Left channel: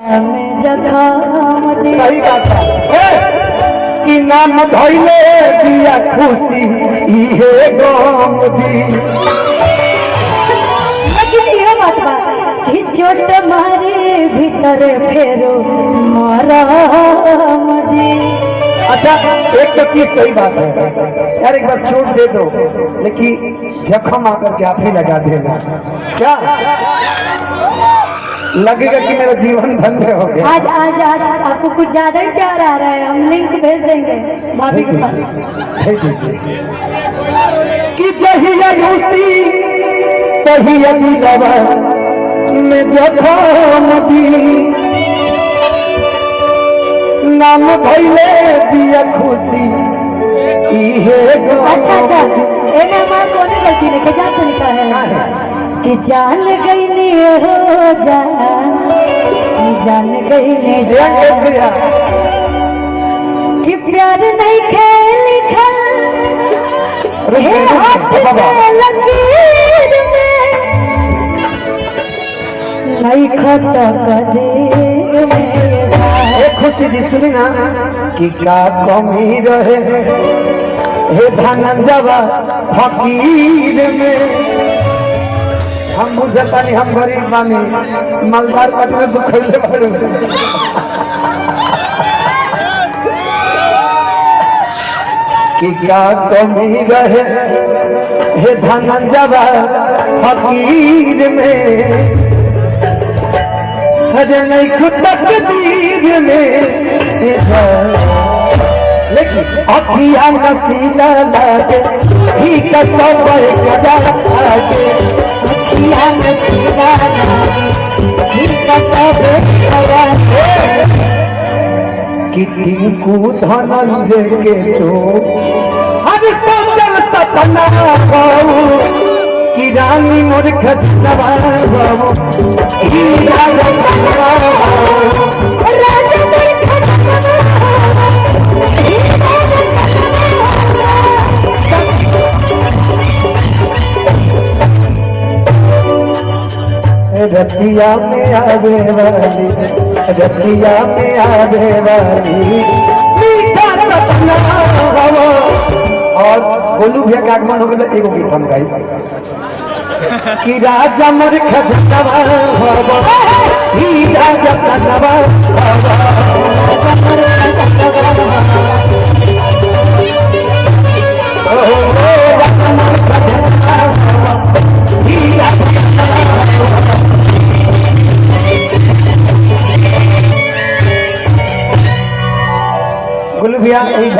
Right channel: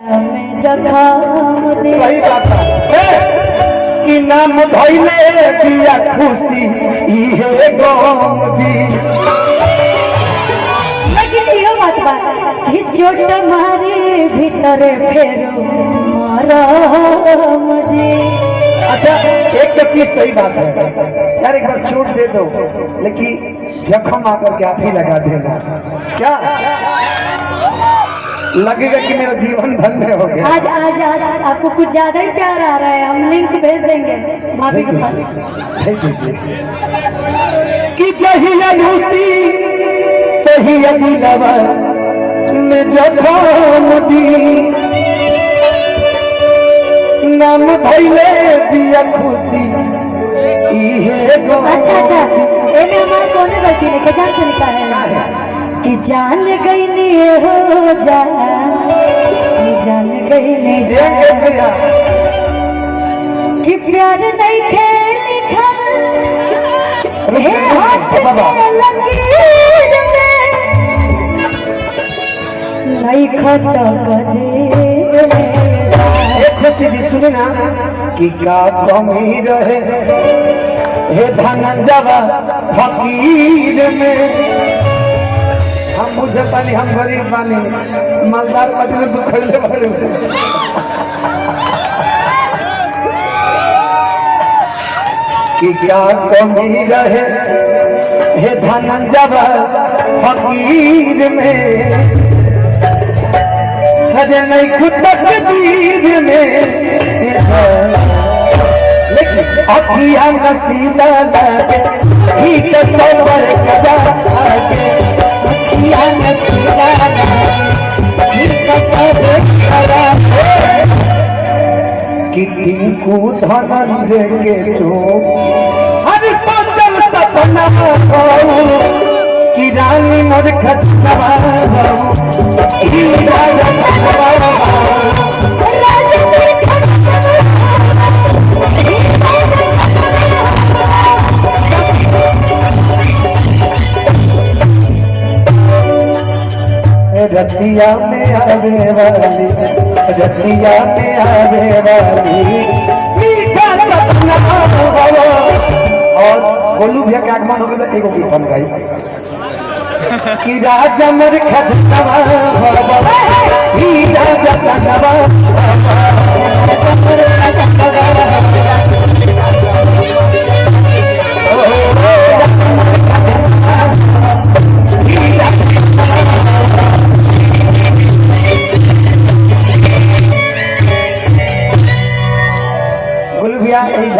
सही बात है कि नाम धैले दिया खुशी इहे गम दी। लेकिन यो बात बा कि चोट मारे भीतर फेरो मरम दी। अच्छा एक तो चीज सही बात है यार, एक बार चोट दे दो लेकिन जख्म आकर के आप ही लगा देना, क्या लगेगा कि मेरा जीवन धन्य हो गया। आज आज आज आपको कुछ ज्यादा ही प्यार आ रहा है, हम लिंक भेज देंगे भाभी के पास। भेज दीजिए कि जहिया खुशी तहिया दिलवा में जख्म दी। नाम भइले दिया खुशी इहे गम। अच्छा एमे हमार कोनो गलती नहीं के जान तो लिखा है कि जान गई नी हो जान गई नी कि प्यार नहीं खेल लिखा हे हाथ में लकीर में नहीं खता करे। एक खुशी जी सुनी ना कि का कमी रहे हे धनंजवा फकीर में। हम मुझे पानी हम गरीब बानी मालदार पटने तो खैले बड़े कि क्या कमी रहे हे धनंजवा फकीर में। हजे नहीं खुद तकदीर में लेकिन अखियां नसीला लागे ही कसम कदा आगे। अखियां नसीला लागे ही कसम कदा कि टिंकू धनंजय के तो हर सोचल सपना कि रानी मोर खचरा रतिया में आवे वाली रतिया में आवे वाली मीठा सपना। और गोलू भैया का आगमन हो गया, एगो गीत हम गाई कि राजा मोर खजनवा ही राजा कनवा गोलू भैया